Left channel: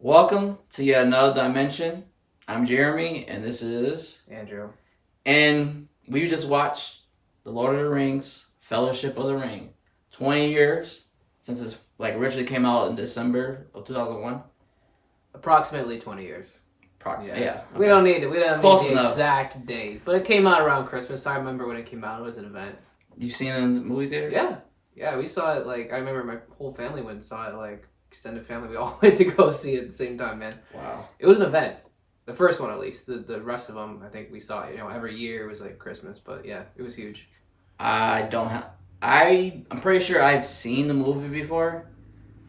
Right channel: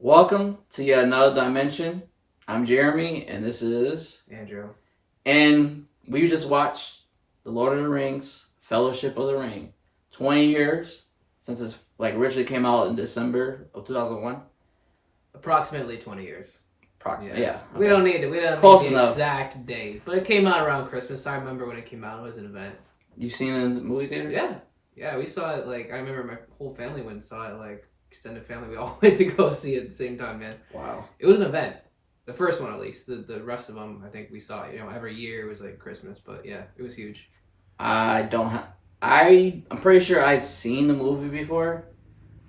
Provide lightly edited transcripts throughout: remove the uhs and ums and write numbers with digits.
Welcome to yet another dimension. I'm Jeremy, and this is. Andrew. And we just watched The Lord of the Rings, Fellowship of the Ring. 20 years since it's like originally came out in December of 2001. Approximately 20 years. Approximately, yeah. We don't need it. We don't Close need the enough. exact date, but it came out around Christmas. I remember when it came out. It was an event. You've seen it in the movie theater? Yeah. We saw it. Like I remember my whole family went and saw it. Like extended family, we all went to go see it at the same time. Man, Wow. it was an event. The first one, at least. The rest of them, I think we saw it. Every year it was like Christmas. But yeah, it was huge. I don't have. I'm pretty sure I've seen the movie before,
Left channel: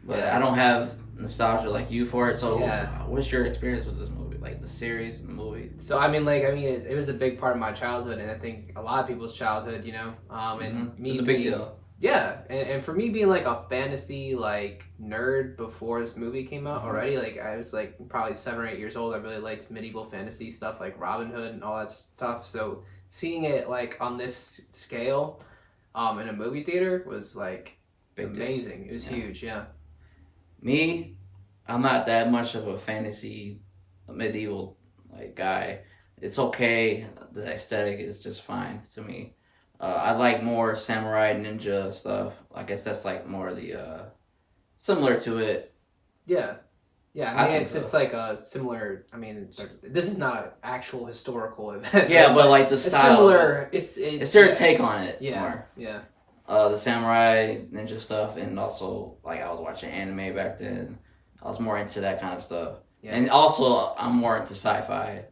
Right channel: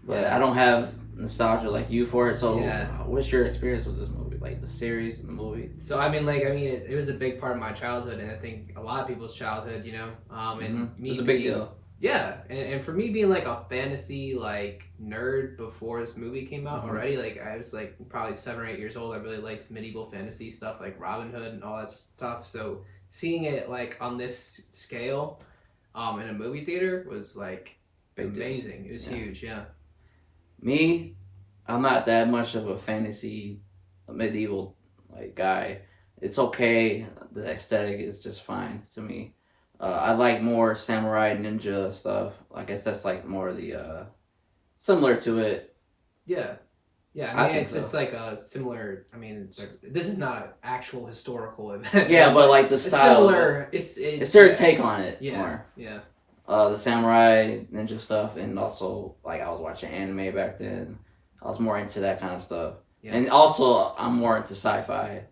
but I don't have nostalgia like you for it. So, Yeah. What's your experience with this movie? Like the series and the movie? So it was a big part of my childhood, and I think a lot of people's childhood. And me It's a big being- deal. Yeah, and for me being like a fantasy like nerd before this movie came out already, like I was like probably 7 or 8 years old. I really liked medieval fantasy stuff like Robin Hood and all that stuff. So seeing it like on this scale, in a movie theater was like Big deal. amazing. It was huge. Yeah. Me, I'm not that much of a fantasy medieval like guy. It's okay. The aesthetic is just fine to me. I like more samurai ninja stuff. I guess that's like more the similar to it. Yeah. Yeah, I I mean, think it's so. like a similar. I mean, this is not an actual historical event. Yeah, right? but like the It's style. similar. It's their take on it Yeah, more. yeah, The samurai ninja stuff, and also like I was watching anime back then. I was more into that kind of stuff, yeah. and also I'm more into sci-fi.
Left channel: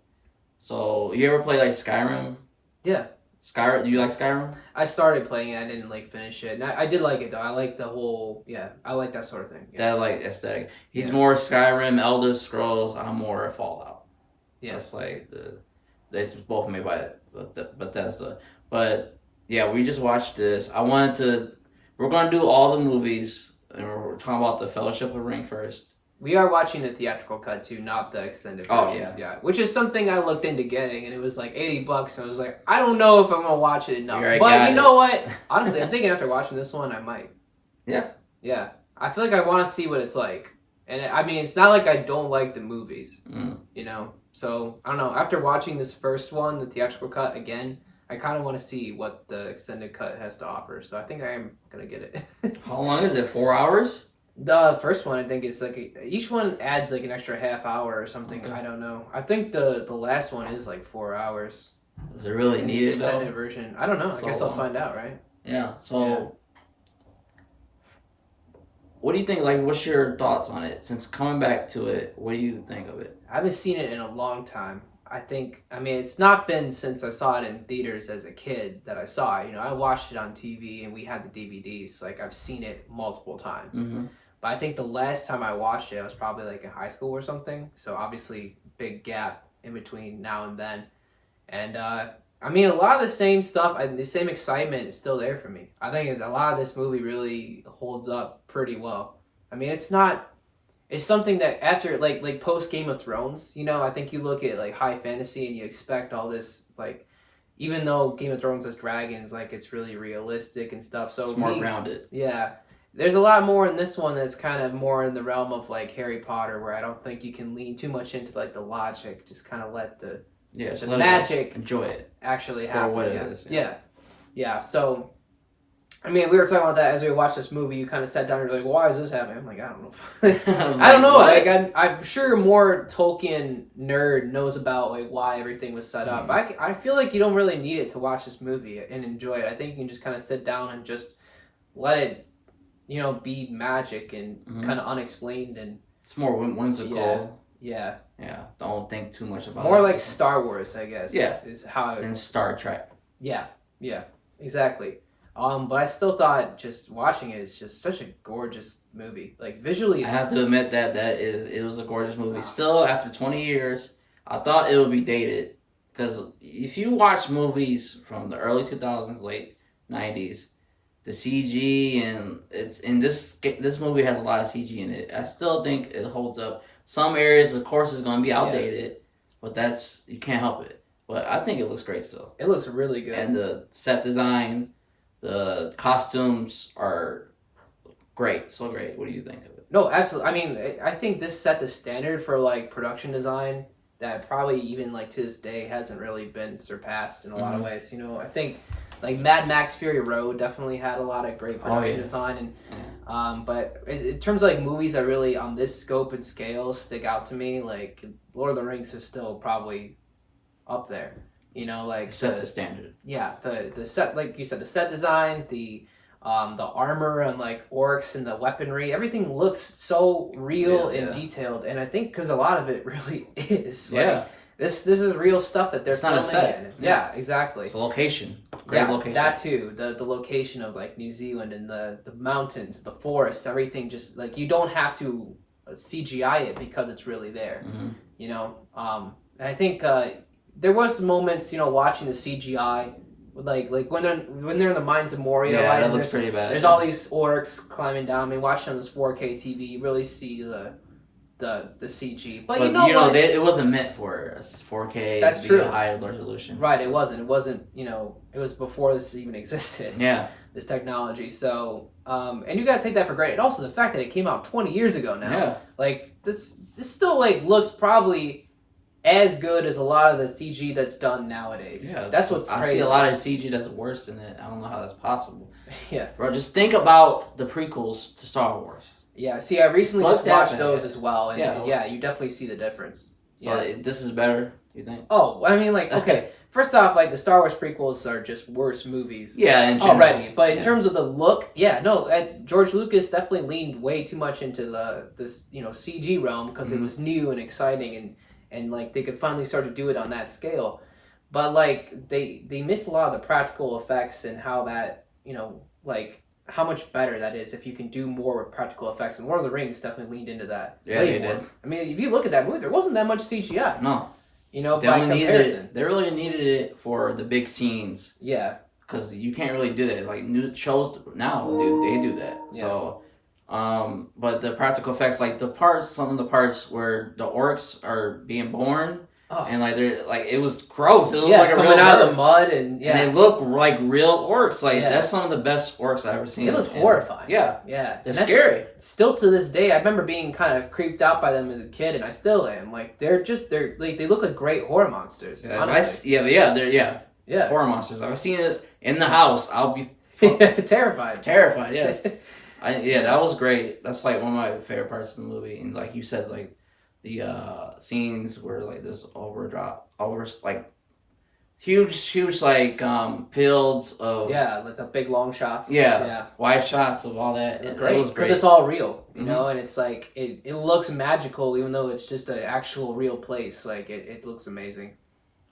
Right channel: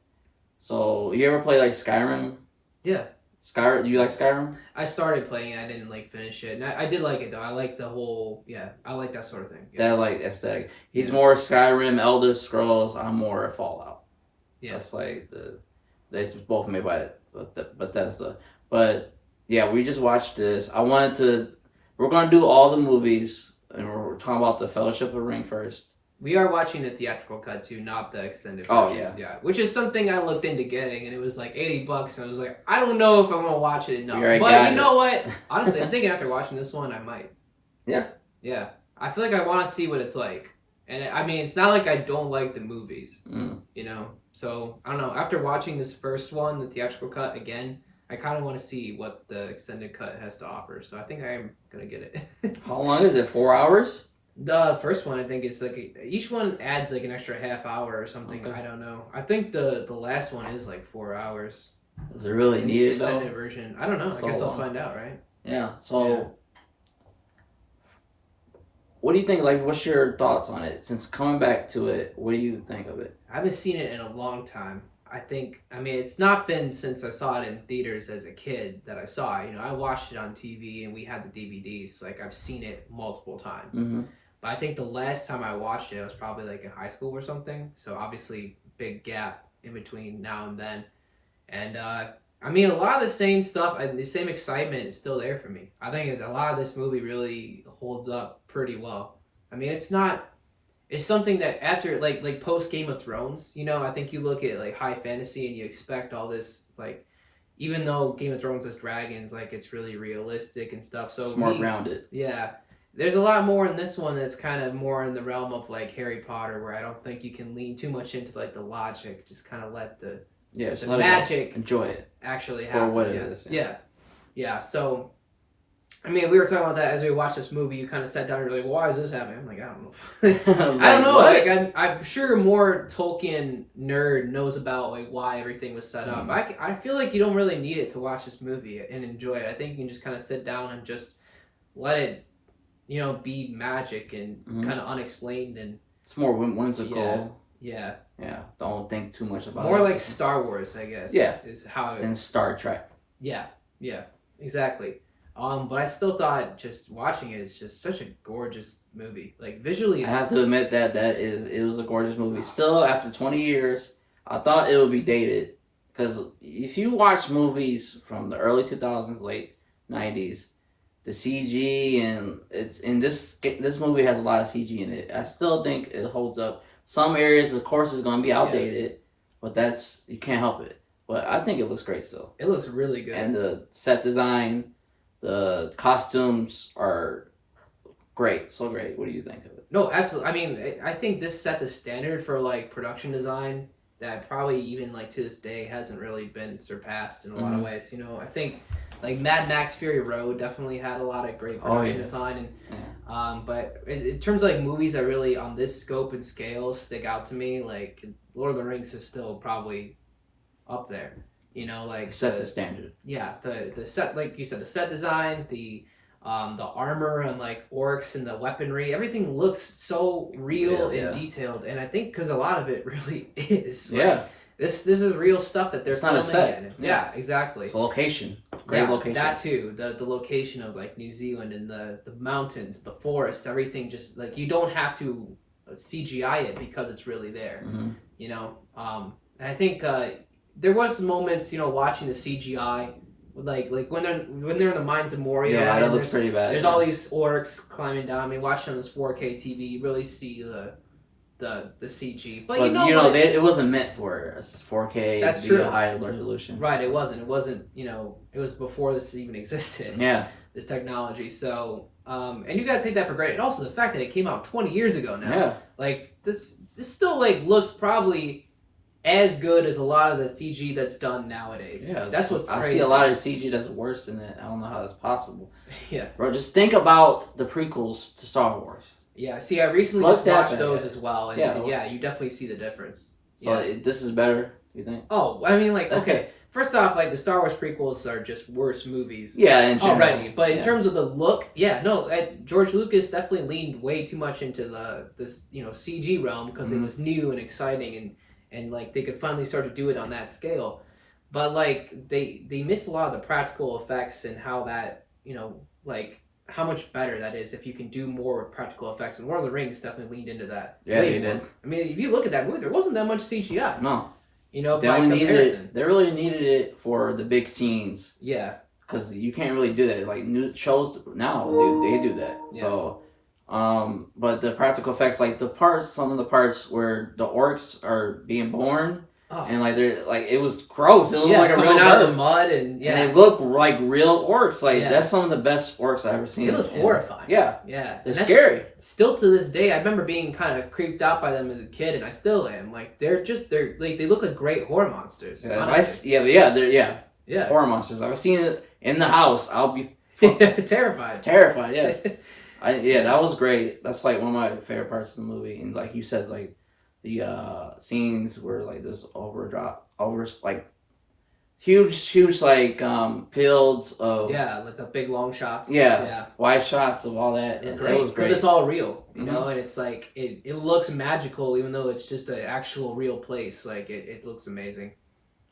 So you ever play like Skyrim? Yeah. Skyrim? Do you like Skyrim? I started playing it. I didn't like finish it. And I did like it though. I like the whole. Yeah, I like that sort of thing. Yeah. That like aesthetic. He's Yeah. more Skyrim, Elder Scrolls. I'm more Fallout. Yeah. That's like they both made by Bethesda. But yeah, we just watched this. I wanted to. We're gonna do all the movies, and we're talking about the Fellowship of the Ring first. We are watching the theatrical cut too, not the extended Oh, versions. Yeah, which is something I looked into getting, and it was like $80. And I was like, I don't know if I'm gonna watch it enough. You already But got you know it. what? Honestly, I'm thinking after watching this one, I might. Yeah. Yeah, I feel like I want to see what it's like, and I mean, it's not like I don't like the movies, So I don't know. After watching this first one, the theatrical cut again, I kind of want to see what the extended cut has to offer. So I think I am gonna get it. How long is it? 4 hours? The first one, I think it's like each one adds like an extra half hour or something. Okay. I don't know. I think the last one is like 4 hours. Is it really The needed extended though? version. I don't know. So I guess I'll long. find out, right? Yeah. So. What do you think? Like, what's your thoughts on it? Since coming back to it, what do you think of it? I haven't seen it in a long time. I mean, it's not been since I saw it in theaters as a kid that I saw it. I watched it on TV and we had the DVDs. Like, I've seen it multiple times. Mm-hmm. But I think the last time I watched it, I was probably like in high school or something. So, obviously, big gap in between now and then. And, I mean, a lot of the same stuff, the same excitement is still there for me. I think a lot of this movie really holds up pretty well. I mean, it's something that after like post Game of Thrones, I think you look at like high fantasy and you expect all this like, even though Game of Thrones has dragons, like it's really realistic and stuff. So It's more grounded. Yeah, there's a lot more in this one that's kind of more in the realm of like Harry Potter, where I don't think you can lean too much into like the logic. Just kind of let the just the let magic enjoy it actually for happen. what it yeah. is. Yeah. So. I mean, we were talking about that as we watched this movie. You kind of sat down and were like, "Why is this happening?" I'm like, "I don't know." I don't know. What? Like, I'm sure more Tolkien nerd knows about like why everything was set up. I feel like you don't really need it to watch this movie and enjoy it. I think you can just kind of sit down and just let it, be magic and kind of unexplained and it's more whimsical. Yeah. Yeah. Don't think too much about it. More like Star Wars, I guess. Yeah. Is how. Than Star Trek. Yeah. Exactly. But I still thought just watching it is just such a gorgeous movie. Like visually, I have to admit that it was a gorgeous movie. Still, after 20 years, I thought it would be dated because if you watch movies from the early 2000s, late 90s, the CG and it's in this movie has a lot of CG in it. I still think it holds up. Some areas, of course, is going to be outdated, but you can't help it. But I think it looks great still. It looks really good. And the set design. The costumes are great, so great. What do you think of it? No, absolutely. I mean, I think this set the standard for like production design that probably even like to this day hasn't really been surpassed in a lot of Mm-hmm. ways. You know, I think like Mad Max Fury Road definitely had a lot of great Oh production yeah, design, and yeah. but in terms of like movies that really on this scope and scale stick out to me, like Lord of the Rings is still probably up there. You know, It like set the standard. the set, like you said, the set design, the armor and like orcs and the weaponry, everything looks so real Real, and yeah, detailed, and I think because a lot of it really is like yeah. this is real stuff that they're It's not a filming set. in. Yeah, Yeah, exactly. it's a location. Great Yeah, location. that too. The location of like New Zealand and the mountains, the forests, everything. Just like you don't have to CGI it because it's really there. Mm-hmm. You know, and I think there was moments, you know, watching the CGI, like when they're in the mines of Moria, Yeah, right? that And looks pretty bad. there's all these orcs climbing down. I mean, watching on this 4K TV, you really see the CG. But you But know you know, what? it wasn't meant for a 4K That's to be a true. high resolution. Right, it wasn't. It wasn't. You know, it was before this even existed. Yeah, This technology. So, and you gotta take that for granted. Also, the fact that it came out 20 years ago now. yeah, Like this still like looks probably as good as a lot of the CG that's done nowadays. yeah. That's what's I crazy. see a lot of CG that's worse than it. I don't know how that's possible. Yeah. Bro, just think about the prequels to Star Wars. Yeah. See, I recently Fuck just that watched bad. those as well, and Yeah. yeah, you definitely see the difference. So Yeah. this is better, you think? Oh, I mean, like, okay. First off, like the Star Wars prequels are just worse movies. Yeah, in general. Already, but in Yeah. terms of the look, yeah, no, George Lucas definitely leaned way too much into this CG realm because it was new and exciting, and like they could finally start to do it on that scale. But like they missed a lot of the practical effects and how that like how much better that is if you can do more with practical effects. And Lord of the Rings definitely leaned into that. Yeah, way they more. did. I mean, if you look at that movie, there wasn't that much CGI. No, they by only needed comparison. it. They really needed it for the big scenes. Yeah. Because you can't really do that. Like new shows now, they do that. Yeah. So, but the practical effects, like some of the parts where the orcs are being born, and like they're like it was gross. It looked like a real coming out of bird. the mud and And they look like real orcs. Like Yeah. that's some of the best orcs I've ever seen. They looked horrifying. Yeah, Yeah. they're And that's scary. Still to this day, I remember being kind of creeped out by them as a kid, and I still am. Like they're like they look like great horror monsters. Yeah, honestly. they're Yeah. horror monsters. I've seen it in the house. I'll be Terrified. terrified. Yes. That was great. That's like one of my favorite parts of the movie. And like you said, like the scenes where like there's like huge like fields of Yeah, like the big long shots. yeah wide shots of all that. And it was great. Because it's all real, you know, and it's like it looks magical even though it's just an actual real place. Like it looks amazing.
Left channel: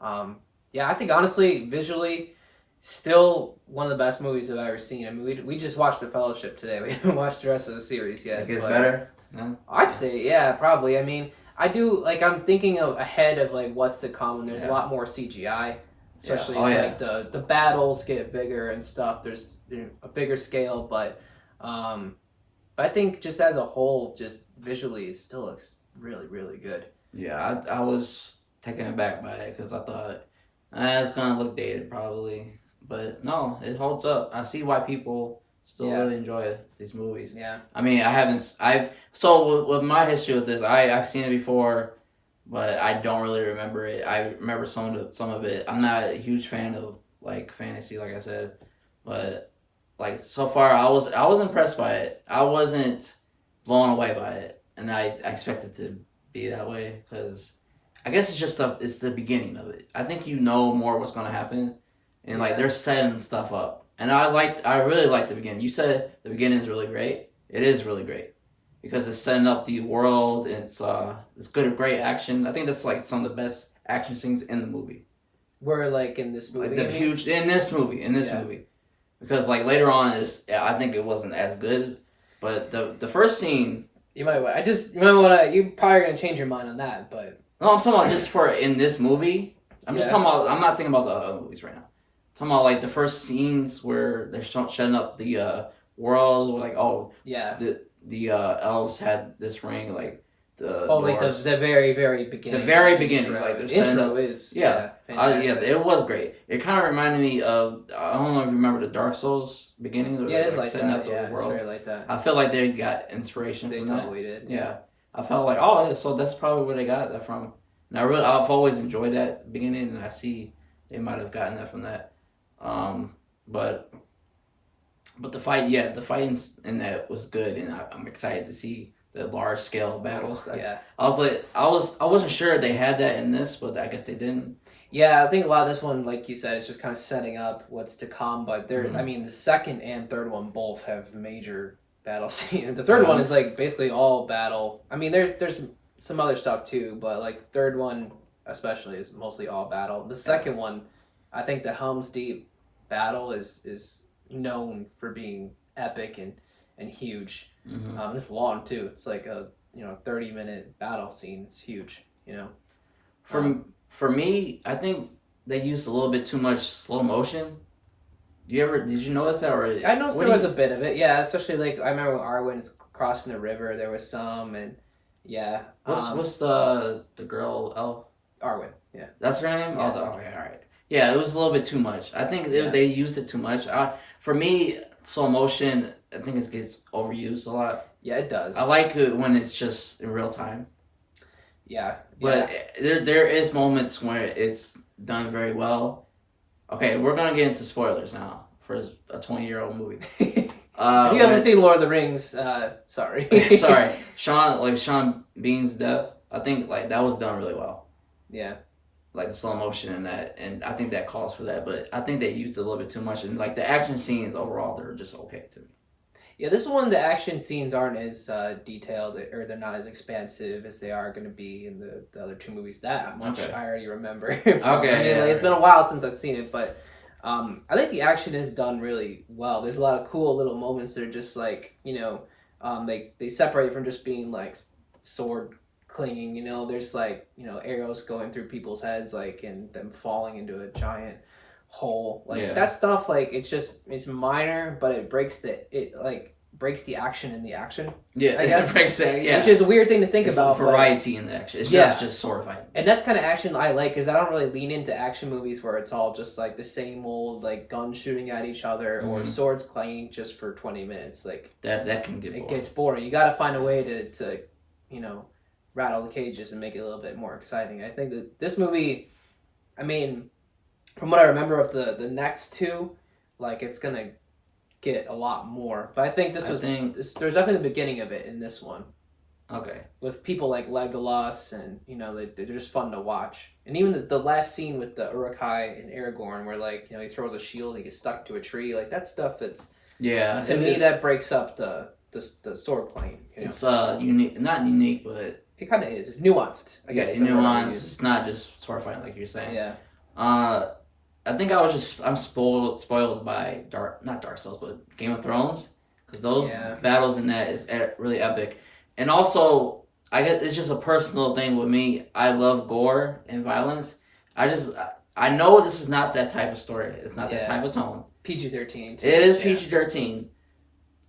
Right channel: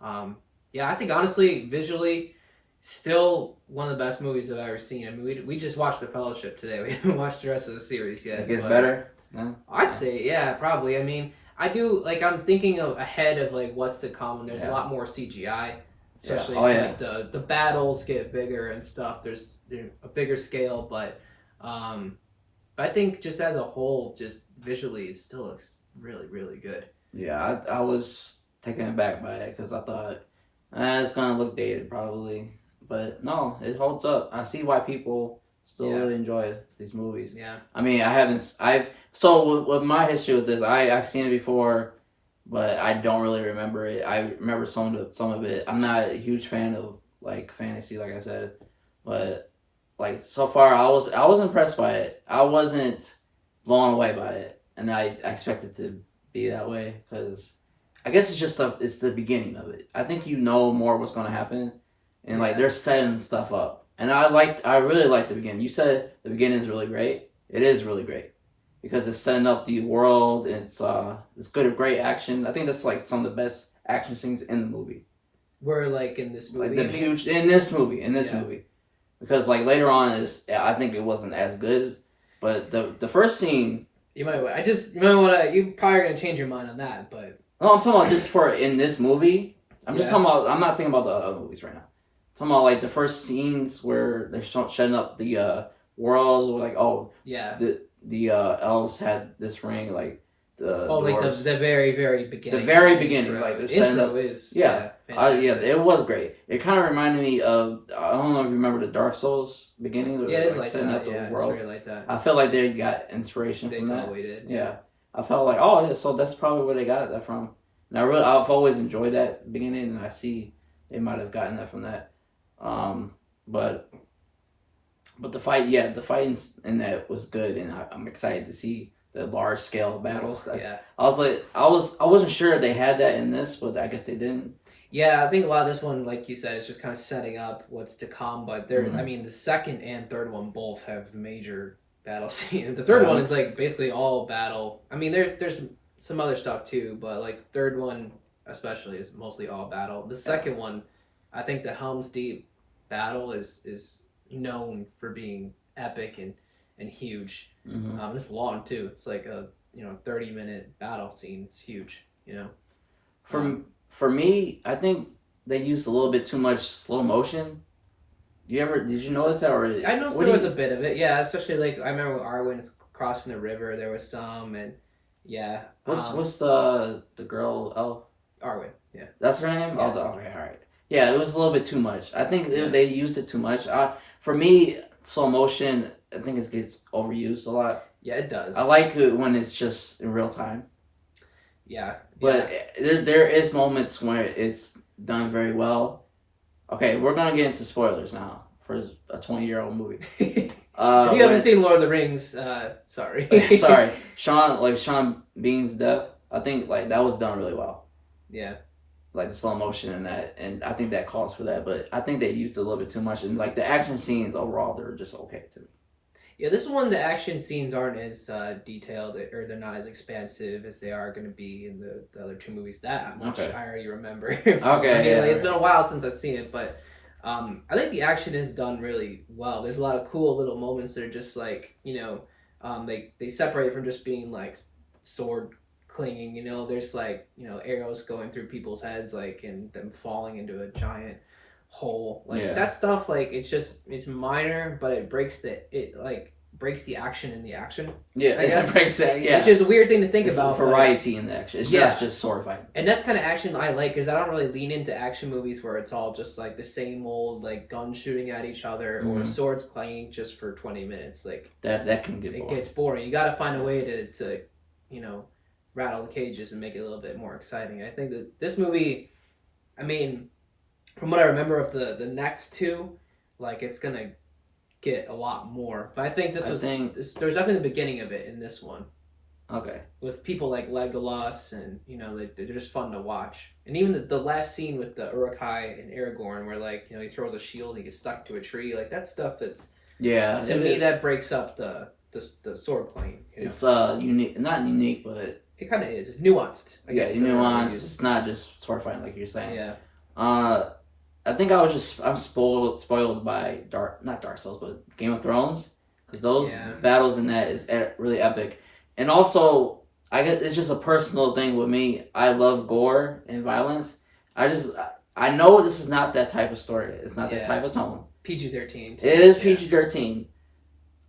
Yeah, I think honestly, visually, still one of the best movies I've ever seen. I mean, we just watched The Fellowship today. We haven't watched the rest of the series yet. It gets but better. Yeah. I'd say, yeah, probably. I mean, I do like I'm thinking ahead of like what's to come, and there's a lot more CGI. Especially like the battles get bigger and stuff. There's a bigger scale, but I think just as a whole, just visually, it still looks really, really good. Yeah, I was taken aback by it because I thought it's gonna look dated probably, but no, it holds up. I see why people still really enjoy these movies. Yeah. I mean, with my history with this, I've seen it before, but I don't really remember it. I remember some of it. I'm not a huge fan of like fantasy, like I said, but like so far, I was impressed by it. I wasn't blown away by it, and I expected to be that way because I guess it's just it's the beginning of it. I think you know more what's gonna happen, and like they're setting stuff up, and I really liked the beginning. You said the beginning is really great. It is really great because it's setting up the world. And it's great action. I think that's like some of the best action scenes in the movie. Were like in this movie. Like in this movie, because like later on I think it wasn't as good, but the first scene. You might want to. You're probably gonna change your mind on that, but. No, I'm talking about just for in this movie. I'm just talking about. I'm not thinking about the other movies right now. I'm talking about like the first scenes where they're setting up the world. Like the elves had this ring. Like Oh, like doors. the very very beginning. The very beginning, intro. like they're setting Intro up. is Yeah, fantastic. it was great. It kind of reminded me of, I don't know if you remember the Dark Souls beginning, where Yeah, it they're is like like setting that. up the Yeah, it's world. very like that. I feel like they got inspiration They from that. totally did. Yeah, I felt like, oh yeah, so that's probably where they got that from. And I've always enjoyed that beginning, and I see they might have gotten that from that. But the fighting in that was good, and I'm excited to see the large scale battles. Yeah. I wasn't sure they had that in this, but I guess they didn't. Yeah, I think a lot of this one, like you said, is just kind of setting up what's to come. But Mhm. I mean, the second and third one both have major battle scenes. The third one is like basically all battle. I mean, there's some other stuff too, but like the third one especially is mostly all battle. The second one, I think the Helm's Deep battle is known for being epic and huge. It's long too. It's like a 30-minute battle scene. It's huge. For me, I think they used a little bit too much slow motion. Did you notice that? Or I noticed there was a bit of it, yeah. Especially like I remember when Arwen's crossing the river, there was some, and yeah. What's the girl elf? Arwen, yeah. That's her name. Yeah. Oh, okay, all right. Yeah, it was a little bit too much. I think Yeah. they used it too much. For me, slow motion, I think it gets overused a lot. Yeah, it does. I like it when it's just in real time. Yeah. But there is moments where it's done very well. Okay, we're gonna get into spoilers now for a 20-year-old movie. If you haven't seen Lord of the Rings, sorry. Sorry, Sean Bean's death. I think like that was done really well. Yeah. Like the slow motion and that, and I think that calls for that. But I think they used it a little bit too much, and like the action scenes overall, they're just okay to me. Yeah, this one, the action scenes aren't as detailed, or they're not as expansive as they are going to be in the other two movies. That much I already remember. Okay, like, it's been a while since I've seen it, but I think the action is done really well. There's a lot of cool little moments that are just like, they separate from just being like sword clinging. There's like arrows going through people's heads, like, and them falling into a giant hole, like that stuff. Like it's minor, but it breaks the action in the action. Yeah, I guess. It breaks that. Yeah, which is a weird thing to think about. Variety in the action. It's not just sword fighting. And that's kind of action I like, because I don't really lean into action movies where it's all just like the same old like guns shooting at each other or swords clanging just for 20 minutes. Like that can get boring. It gets boring. You got to find a way to rattle the cages and make it a little bit more exciting. I think that this movie, I mean, from what I remember of the next two, like it's gonna get a lot more. But I think there's definitely the beginning of it in this one. Okay. With people like Legolas, and they're just fun to watch. And even the last scene with the Uruk-hai and Aragorn, where like he throws a shield, he gets stuck to a tree, like that stuff. That's to me that breaks up the sword playing. It's unique, not unique, but it kind of is. It's nuanced. I guess nuanced. It's not just sword fighting like you're saying. Yeah. I think I'm spoiled by not Dark Souls, but Game of Thrones, because those battles in that is really epic, and also I guess it's just a personal thing with me. I love gore and violence. I know this is not that type of story. It's not that type of tone. PG-13. It is PG-13,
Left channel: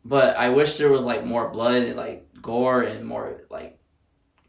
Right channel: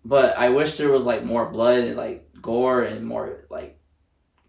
but I wish there was like more blood and like gore and more like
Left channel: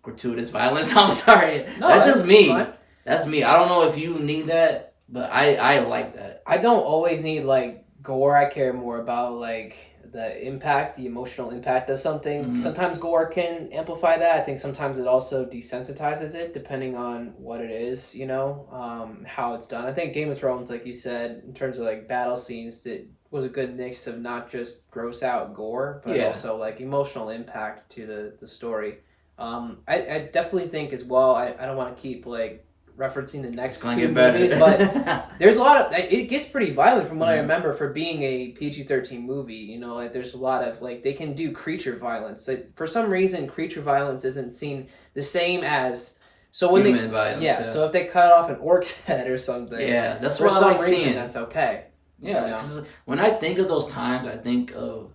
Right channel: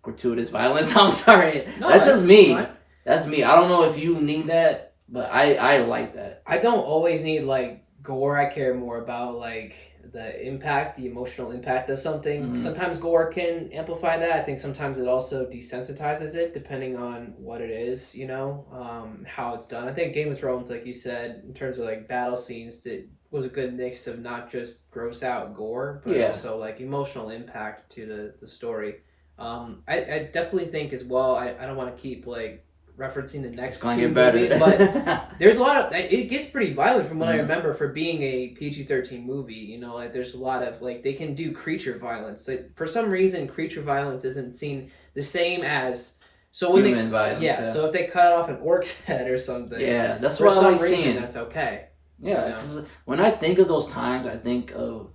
gratuitous violence. I'm sorry, that's just me. Fine. That's me. I don't know if you need that. But I like that. I don't always need like gore. I care more about like the impact, the emotional impact of something. Mm-hmm. Sometimes gore can amplify that. I think sometimes it also desensitizes it, depending on what it is, how it's done. I think Game of Thrones, like you said, in terms of like battle scenes, it was a good mix of not just gross out gore, but also like emotional impact to the story. I definitely think as well, I don't want to keep like referencing the next two movies, but there's a lot of it gets pretty violent from what I remember for being a PG-13 movie. Like there's a lot of like they can do creature violence. Like for some reason, creature violence isn't seen the same as human violence. Yeah, so if they cut off an orc's head or something, that's what I like seeing. That's okay. Yeah, because when I think of those times, I think of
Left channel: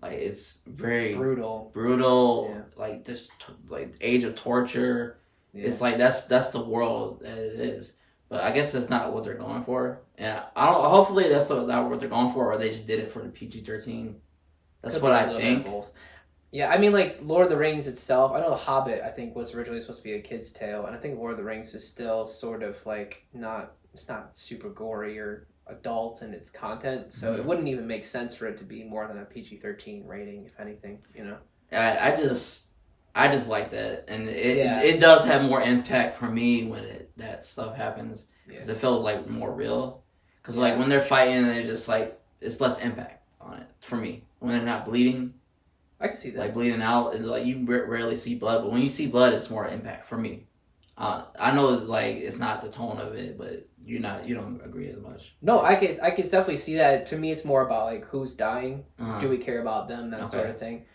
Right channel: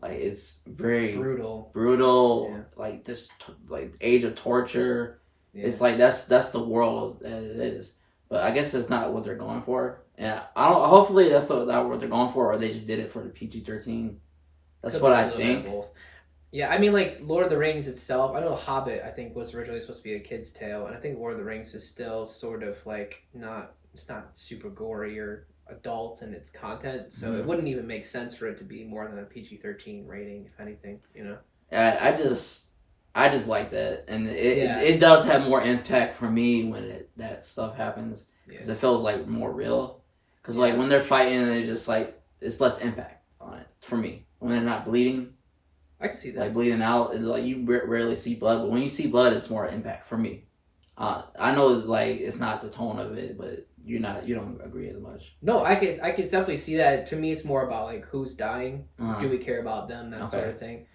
like it's very brutal, like this like age of torture. Yeah. It's like that's the world that it is, but I guess that's not what they're going for. And I don't. Hopefully, that's not what they're going for, or they just did it for the PG-13. That's what I think. Yeah, I mean, like Lord of the Rings itself. I know The Hobbit. I think was originally supposed to be a kid's tale, and I think Lord of the Rings is still sort of like not. It's not super gory or adult in its content, so it Hmm. wouldn't even make sense for it to be more than a PG-13 rating, if anything. You know. I just like that, and Yeah. it does have more impact for me when that stuff happens because Yeah. it feels like more real. Because like Yeah. when they're fighting, it's just like it's less impact on it for me when they're not bleeding, I can see like that. bleeding out, and like you rarely see blood, but when you see blood, it's more impact for me. I know like it's not the tone of it, but you don't agree as much. No, Right? I can definitely see that. To me, it's more about like who's dying. Uh-huh. Do we care about them? That sort Okay. of thing.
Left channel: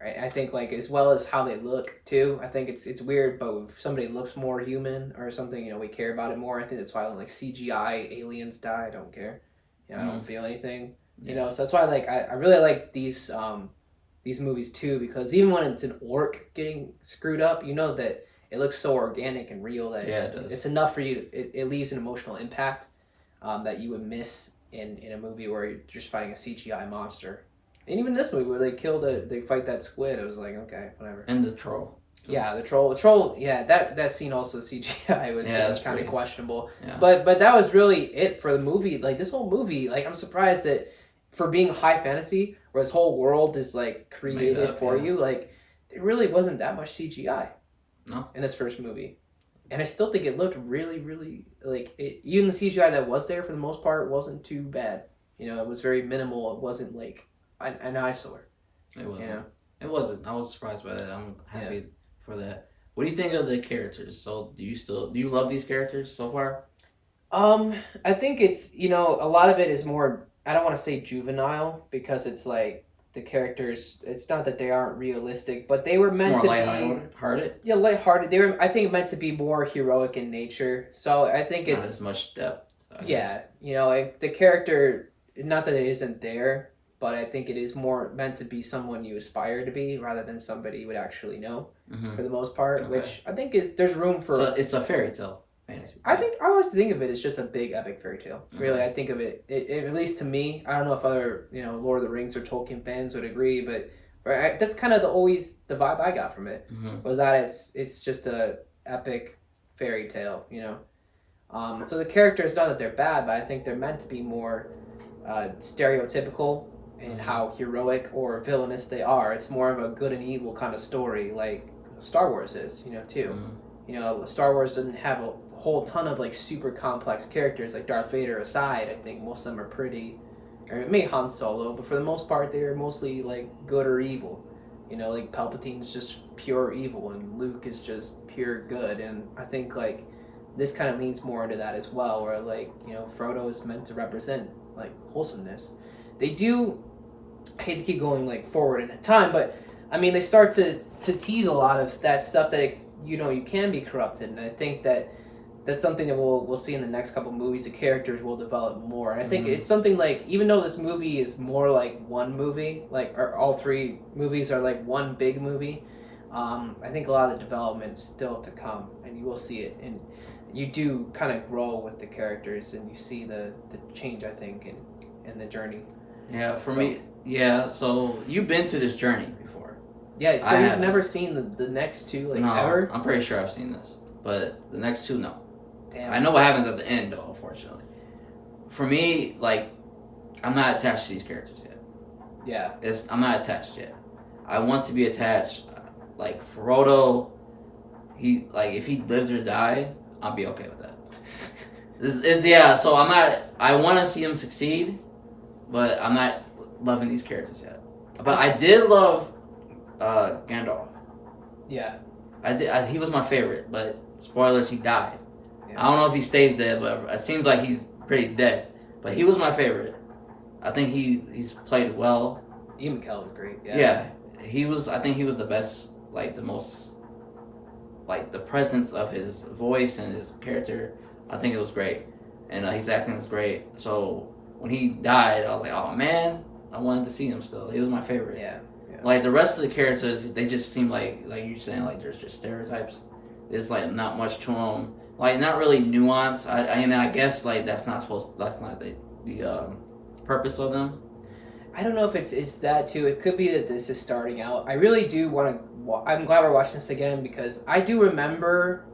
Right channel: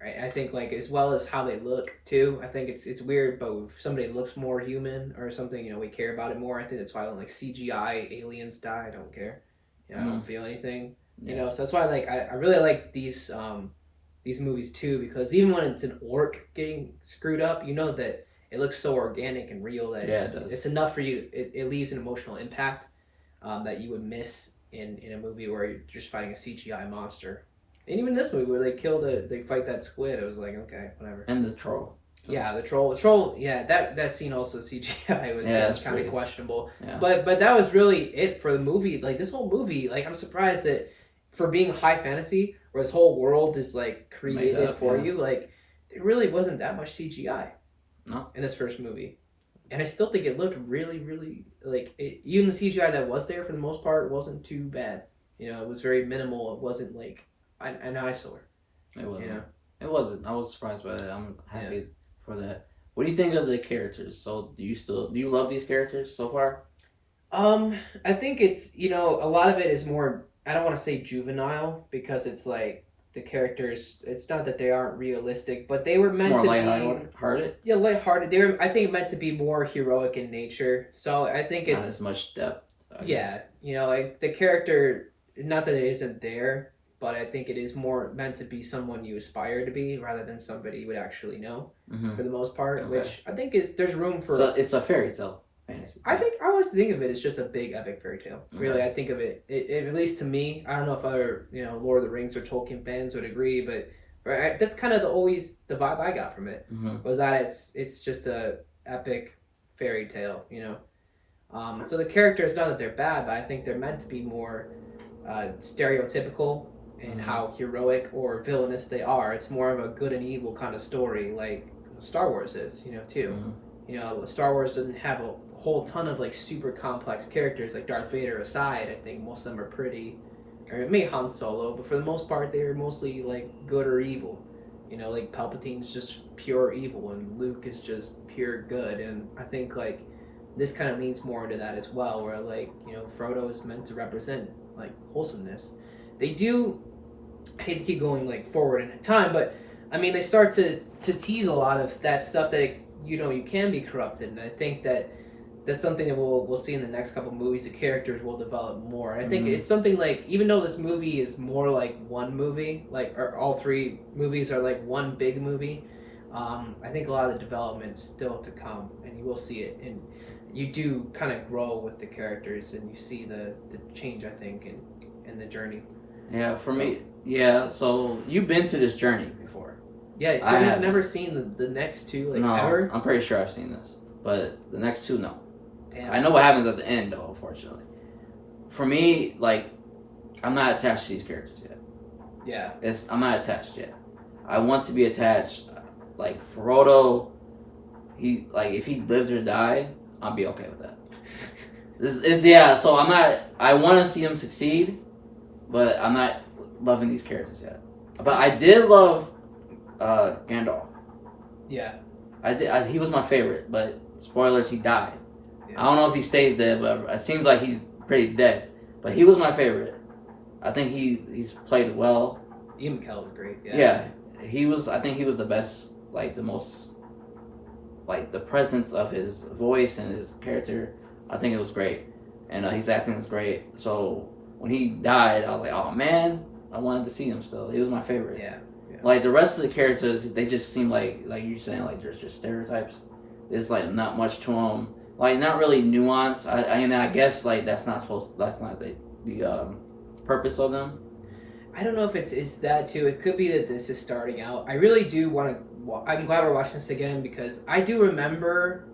I think like as well as how they look too. I think it's weird, but if somebody looks more human or something, you know, we care about it more. I think that's why when like CGI aliens die, I don't care. You know, I don't Mm. feel anything. You Yeah. know, so that's why like I really like these movies too because even when it's an orc getting screwed up, you know that it looks so organic and real that Yeah, it does. it's enough for you. It leaves an emotional impact that you would miss in a movie where you're just fighting a CGI monster. And even this movie where they fight that squid, it was like okay, whatever. And the troll. Too. Yeah, the troll. Yeah, that scene also CGI Yeah, was that's kind of pretty. questionable. Yeah. But that was really it for the movie. Like this whole movie, like I'm surprised that for being high fantasy, where this whole world is like Made created up. for Yeah. you, like there really wasn't that much CGI No. in this first movie. And I still think it looked really, really like it, even the CGI that was there for the most part wasn't too bad. You know, it was very minimal. It wasn't like an eyesore. It wasn't. You know, It wasn't. I was surprised by that. I'm yeah. happy for that. What do you think of the characters? So do you love these characters so far? I think it's a lot of it is more. I don't want to say juvenile because it's like the characters. It's not that they aren't realistic, but they were It's meant more to be. lighthearted, Yeah, lighthearted. They were, I think, meant to be more heroic in nature. So I think not as it's much depth. I guess. yeah, like the character. Not that it isn't there, but I think it is more meant to be someone you aspire to be rather than somebody you would actually know Mm-hmm. for the most part. Okay. Which I think is there's room for. So it's a fairy tale fantasy. I think I like to think of it as just a big epic fairy tale. Really, Okay. I think of it at least to me. I don't know if other Lord of the Rings or Tolkien fans would agree, but that's kind of always the vibe I got from it Mm-hmm. was that it's just a epic fairy tale. So the characters, not that they're bad, but I think they're meant to be more stereotypical in how heroic or villainous they are. It's more of a good and evil kind of story, like Star Wars is, too. Mm-hmm. Star Wars doesn't have a whole ton of like super complex characters, like Darth Vader aside. I think most of them are pretty, or maybe Han Solo, but for the most part, they're mostly like good or evil. Like Palpatine's just pure evil, and Luke is just pure good. And I think like this kind of leans more into that as well, where like Frodo is meant to represent like wholesomeness. They do. I hate to keep going like forward in time, but I mean they start to tease a lot of that stuff that you can be corrupted, and I think that's something that we'll see in the next couple movies. The characters will develop more, and I think it's something like even though this movie is more like one movie, like or all three movies are like one big movie. I think a lot of the development's still to come, and you will see it, and you do kind of grow with the characters, and you see the change. I think in the journey. Yeah, for me, yeah. So you've been through this journey before. Yeah, so I you've haven't. never seen the next two like No, ever? I'm pretty sure I've seen this, but the next two, no. Damn. I know what happens at the end, though. Unfortunately, for me, like, I'm not attached to these characters yet. Yeah. I'm not attached yet. I want to be attached. Like Frodo, if he lives or die, I'll be okay with that. This is yeah. So I'm not. I want to see him succeed, but I'm not loving these characters yet. But I did love Gandalf. Yeah. I did. He was my favorite, but spoilers, he died. Yeah. I don't know if he stays dead, but it seems like he's pretty dead. But he was my favorite. I think he's played well. Ian McKellen was great. Yeah, he was. I think he was the best. Like the most. Like the presence of his voice and his character, I think it was great, and his acting is great. So when he died, I was like, oh man, I wanted to see him still. He was my favorite. Yeah. Like the rest of the characters, they just seem like you're saying, like there's just stereotypes. There's like not much to them. Like not really nuance. I guess like that's not the purpose of them. I don't know if it's that too. It could be that this is starting out. I really do want to. I'm glad we're watching this again because I do remember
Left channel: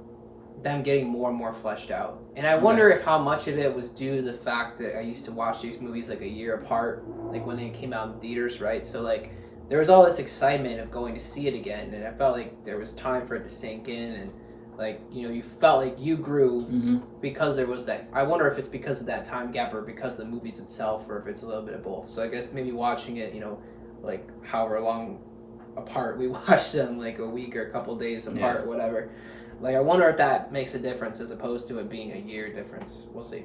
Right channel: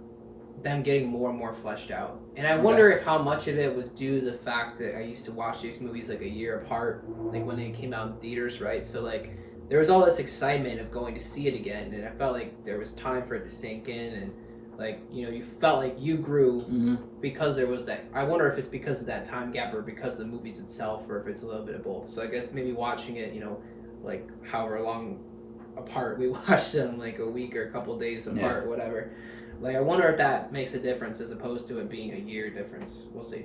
them getting more and more fleshed out, and I wonder if how much of it was due to the fact that I used to watch these movies like a year apart, like when they came out in theaters, right? So like there was all this excitement of going to see it again, and I felt like there was time for it to sink in, and like you felt like you grew because there was that. I wonder if it's because of that time gap or because of the movies itself, or if it's a little bit of both. So I guess maybe watching it, like however long apart we watched them, like a week or a couple days apart or whatever. Like I wonder if that makes a difference as opposed to it being a year difference. We'll see.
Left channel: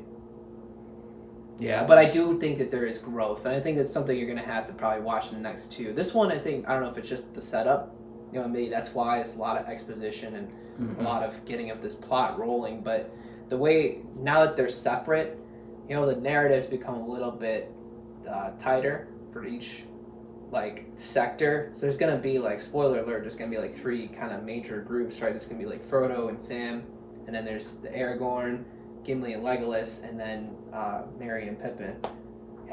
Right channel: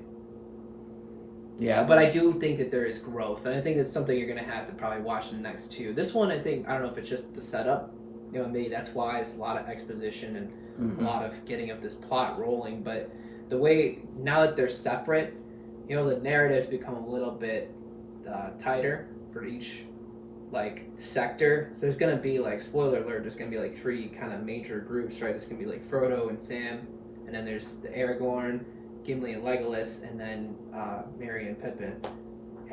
Yeah, but I do think that there is growth, and I think it's something you're gonna have to probably watch in the next two. This one, I don't know if it's just the setup. Maybe that's why it's a lot of exposition and a lot of getting of this plot rolling. But the way now that they're separate, the narratives become a little bit tighter for each sector. So there's gonna be spoiler alert. There's gonna be three kind of major groups, right? There's gonna be Frodo and Sam, and then there's the Aragorn, Gimli and Legolas, and then Merry and Pippin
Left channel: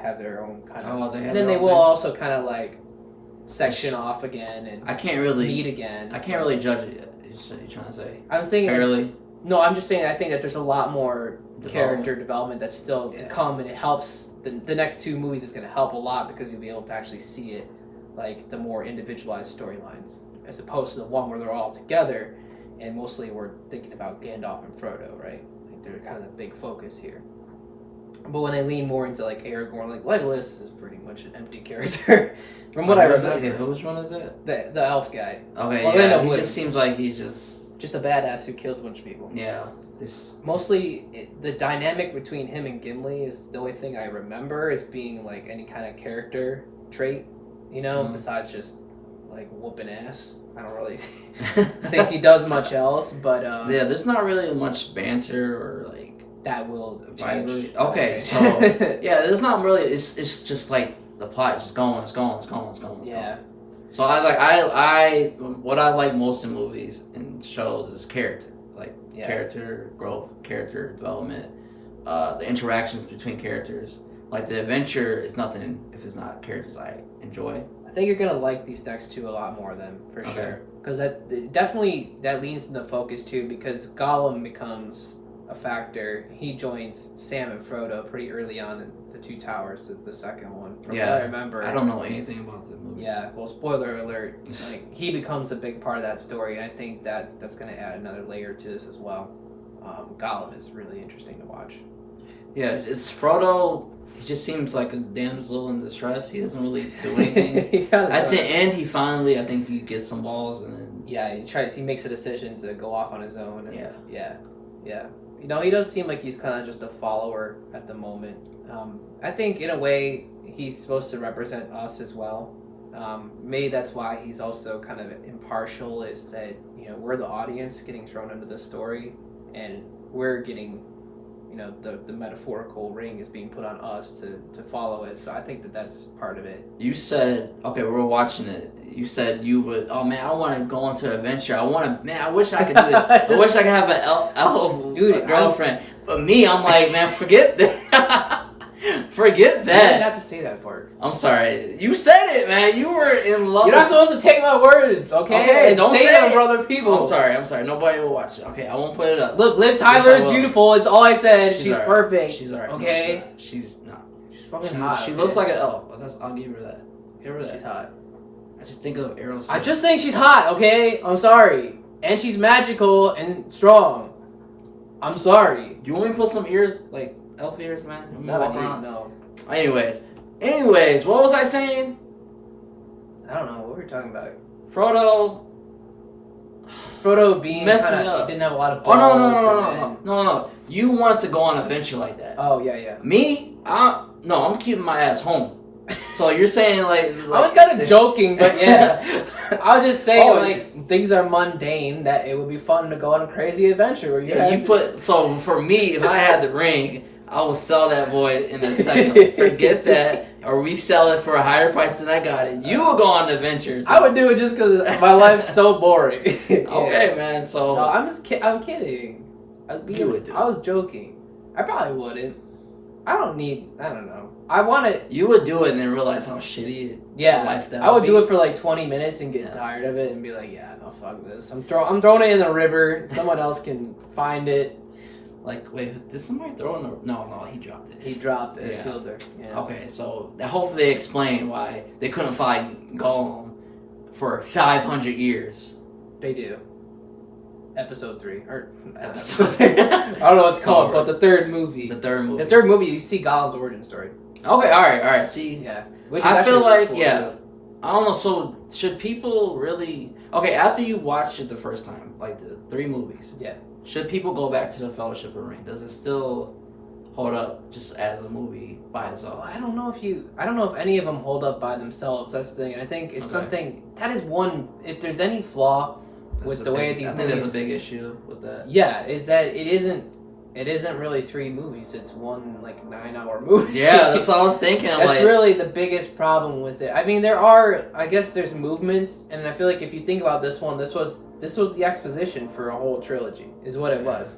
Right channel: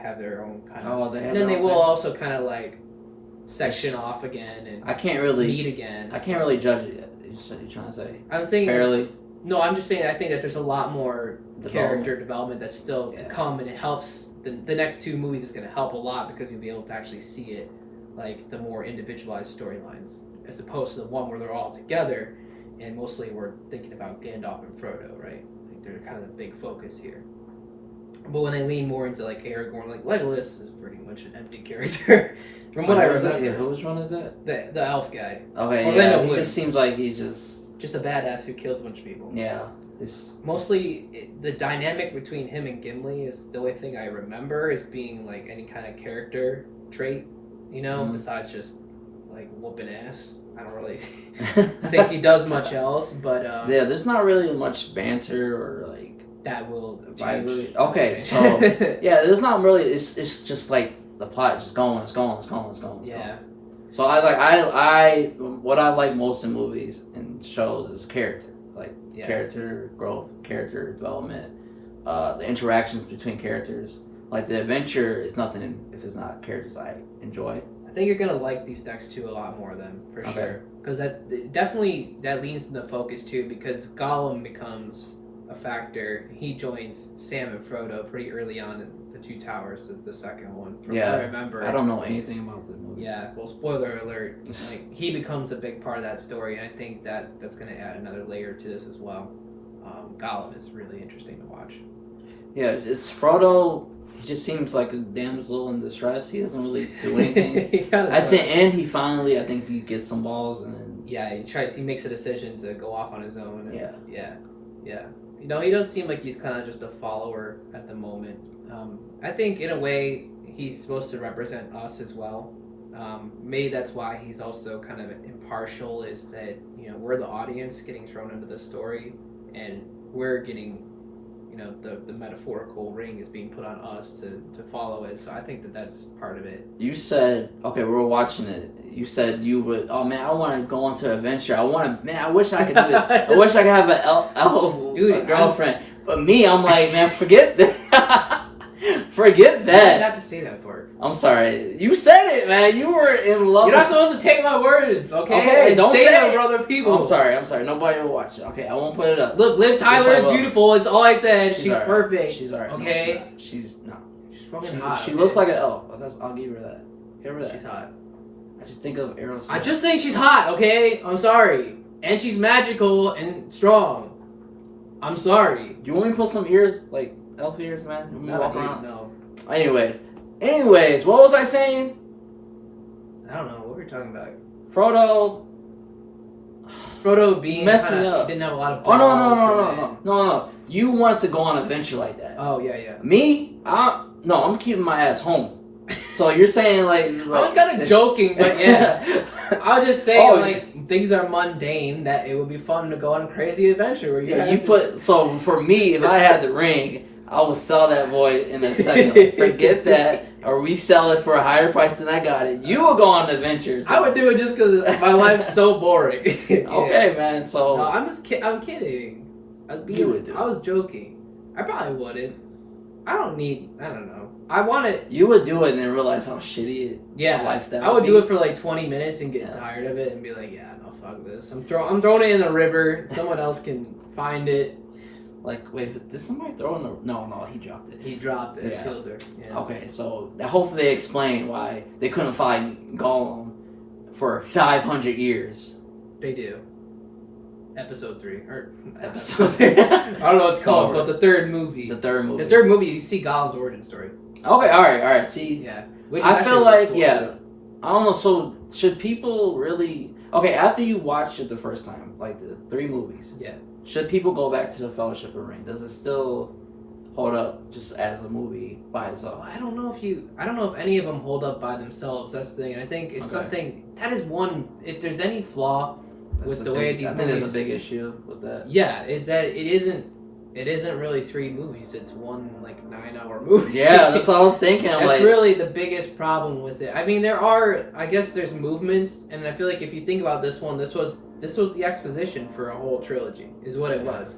have their own kind of. They have. And then they will also kind of section off again and I can't really meet again. I can't really judge it yet. You're trying to say? I'm saying fairly. No, I'm just saying I think that there's a lot more character development that's still to come, and it helps. The next two movies is going to help a lot because you'll be able to actually see it, the more individualized storylines, as opposed to the one where they're all together, and mostly we're thinking about Gandalf and Frodo, right? They're kind of the big focus here. But when they lean more into Aragorn, Legolas is pretty much an empty character. From what I remember. Yeah, whose one is it? The elf guy. Okay, he just seems like he's just a badass who kills a bunch of people. Yeah. Mostly, the dynamic between him and Gimli is the only thing I remember as being any kind of character trait, besides just whooping ass. I don't really think he does much else, but there's not really much banter or that will change. Okay, so there's not really. It's just the plot is just going. It's going. Yeah. So I what I like most in movies and shows is character, character growth, character development, the interactions between characters. The adventure is nothing if it's not characters I enjoy. I think you're gonna like these next two a lot more then, for sure. Because that leans into focus too. Because Gollum becomes a factor. He joins Sam and Frodo pretty early on in the Two Towers, the second one. From what I remember. I don't know anything about the movie. Yeah, well, spoiler alert. He becomes a big part of that story, and I think that's going to add another layer to this as well. Gollum is really interesting to watch. Yeah, it's Frodo. He just seems like a damsel in distress. He doesn't really do anything. At the end, he finally, I think he gets some balls, and then he makes a decision to go off on his own. And yeah. He does seem like he's kind of just a follower at the moment. I think in a way he's supposed to represent us as well. Maybe that's why he's also kind of impartial, is that we're the audience getting thrown into the story, and we're getting the metaphorical ring is being put on us to follow it. So I think that's part of it. You said, we were watching it. You said you would, oh man, I want to go on to an adventure. I wish I could do this. I wish I could have an elf girlfriend. But me, I'm like, man, forget that. Forget that. You didn't have to say that part. I'm sorry. You said it, man. You were in love. You're not supposed to take my words, okay? Okay, don't say them for other people. I'm sorry. Nobody will watch it. Okay, I won't put it up. Look, Liv Tyler is beautiful. It's all I said. She's perfect. She's alright. Okay? No, she's not. She's fucking hot. She looks like an elf. I'll give her that. Give her that. She's hot. I just think of Aerosmith. I just think she's hot, okay? I'm sorry. And she's magical and strong. I'm sorry. Do you want me to put some ears, elf ears, man? No. Anyways, what was I saying? I don't know. What were we talking about? Frodo being messing up. He didn't have a lot of balls. Oh, no. You wanted to go on an adventure like that. Oh, yeah. Me? I'm keeping my ass home. So you're saying I was kind of joking, but yeah. I was just saying things are mundane, that it would be fun to go on a crazy adventure. So for me, if I had the ring, I would sell that boy in a second. Forget that, or resell it for a higher price than I got it. You will go on adventures. I would do it just because my life's so boring. Okay, man. So no, I'm kidding. I was joking. I probably wouldn't. I don't know. I want to. You would do it and then realize how shitty Yeah, lifestyle I would be. do it for like 20 minutes and get tired of it and be like, yeah, no, fuck this. I'm throwing it in the river. Someone else can find it. Like, wait, did somebody throw in the... No, he dropped it. He dropped it. Yeah. Sealed her. Yeah. Okay, so hopefully they explain why they couldn't find Gollum for 500 years. They do. Episode 3. Or Episode I don't know what it's called, but the third movie. The third movie. The third movie, you see Gollum's origin story. Okay, alright, see? Yeah. I feel like, yeah, I don't know, so should people really... Okay, after you watch it the first time, like the 3 movies, yeah, should people go back to the Fellowship of the Ring? Does it still hold up just as a movie by itself? I don't know if any of them hold up by themselves. That's the thing, and I think it's something that is one. If there's any flaw with the way these movies, I think there's a big issue with that. Yeah, is that it isn't really 3 movies. It's one like 9-hour movie. Yeah, that's what I was thinking. That's like, really the biggest problem with it. I mean, I guess there's movements, and I feel like if you think about this one, this was the exposition for a whole trilogy, is what it was.